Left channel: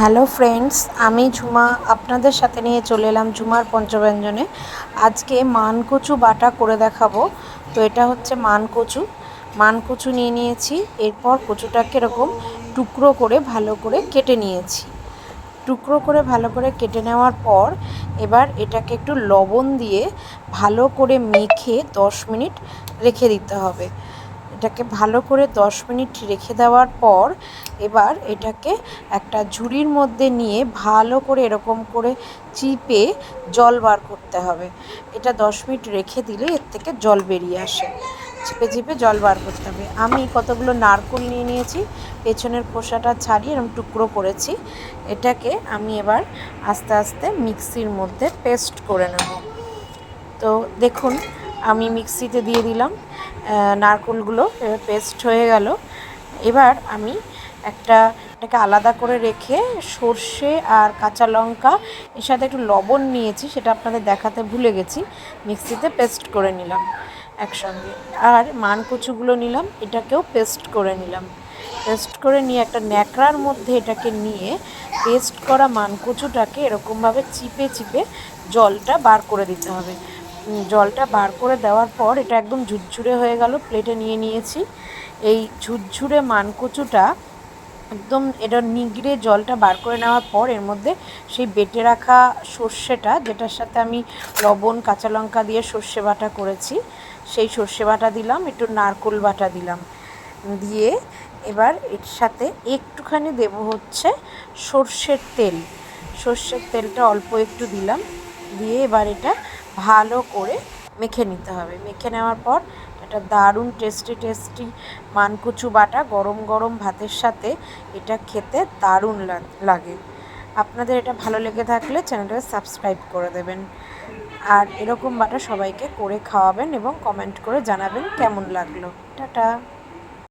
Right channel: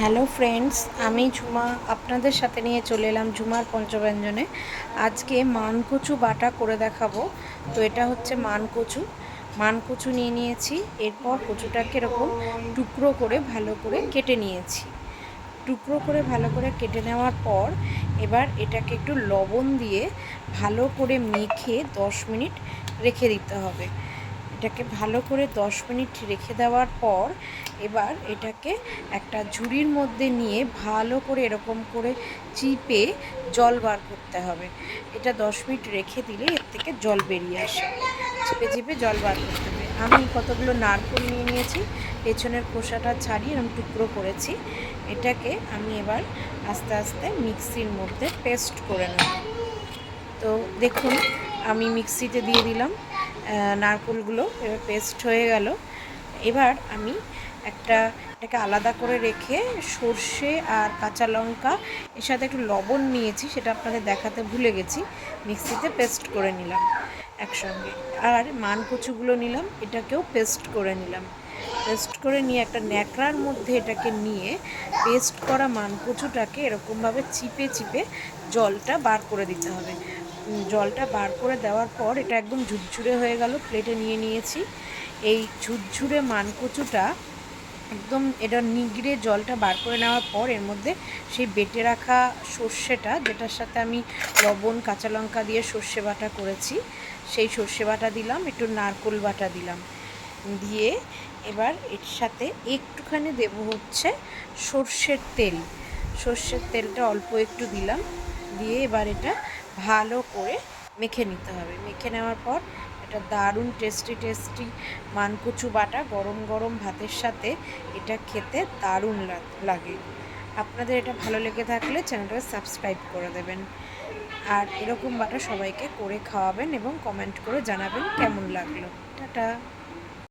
Hello friends, আমি ঝুমা আপনাদের সাথে নিয়ে চলে এলাম ঝুমার পঞ্চব্যঞ্জনে। আজকে মানকচু বাটা করে দেখাবো। তো এটা হচ্ছে মানকচু নিয়ে নিয়েছি। এরপর কচুটাকে এরকম টুকরো করে ভালো করে কেটে নিয়েছি। টুকরো করে ভালো করে কেটে নেওয়ার পর এবার এটাকে একটু লবণ দিয়ে ভালো করে মেখে 10 মিনিট রেখে দিতে হবে। এটাকে ভালো করে 10 মিনিট রেখে দেওয়ার পর এবার এটাকে একটা ঝুড়ির মধ্যে নিয়ে ভালো করে এরকম করে চিপে জল বার করতে হবে। এটা 10 মিনিট রেখে দিলে এর থেকে জল বেরিয়ে আসে। চিপে চিপে জল বার করতে হবে। আমি কতগুলো নারকেল নিয়ে নিয়েছি, পেছনের খোসাটা ছাড়িয়ে এরকম টুকরো করেছি। এটাকে আমি এবার আস্তে আস্তে মিক্সির মধ্যে পেস্ট করে নেব। তো দেখুন, আমি মিক্সিতে দিয়ে দিলাম নারকেলগুলো, এবার পেস্ট হয়ে গেল। এবার আমি এটাকে আলাদা করে রেখে সর্ষে আর কাঁচা লঙ্কা এর সাথে একটু লবণ নিয়েছি, সেটা আপনাদের দেখাতে ভুলে গেছি, মিক্সিতে পেস্ট করে নিলাম একসঙ্গে। আর মানকচুগুলো নিলাম, এটাকেও পেস্ট করে নিলাম। পেস্ট করে নিয়ে একটা ন্যাকড়ার মধ্যে এটাকে নিয়ে পেস্ট করা মানকচুটাকে এরকমভাবে চিপে চিপে জলটা বার করে দিতে হবে। জলটা বার করে দেওয়ার পর এটা একদম ঝুরঝুরে হয়ে গেল, প্লেটে নিয়ে নিয়েছি। এই ঝুরঝুরে মানকচুটা একদম এটা নিগড়ে জলটা বার করে নেওয়ার পর এর মধ্যে সেই বেটে রাখা সর্ষেটা, যেটার সাথে আমি লবণ কাঁচা লঙ্কা দিয়ে সর্ষে বাটা করেছি, সেই সর্ষে বাটা দিলাম, একটু নারকেল বাটা দিলাম, দিয়ে এবার এর সাথে একটুখানি দেব হচ্ছে সর্ষের তেলটা অল্প একটু দিলাম, দিয়ে এবার এটা ভালো করে মেখে নিতে হবে। মেখে নেওয়ার পর এটা দারুণ টেস্টি মানকচু বাটা গরম গরম ভাতের সাথে এটা খেতে দারুণ লাগে। আপনাদের এটা ভালো লেগে থাকলে চ্যানেলটাকে সাবস্ক্রাইব করে দেবেন, আর এরকম বাটা সবাইকে করে খাওয়াবেন এবং কমেন্ট করে জানাবেন কেমন লাগলো। টাটা।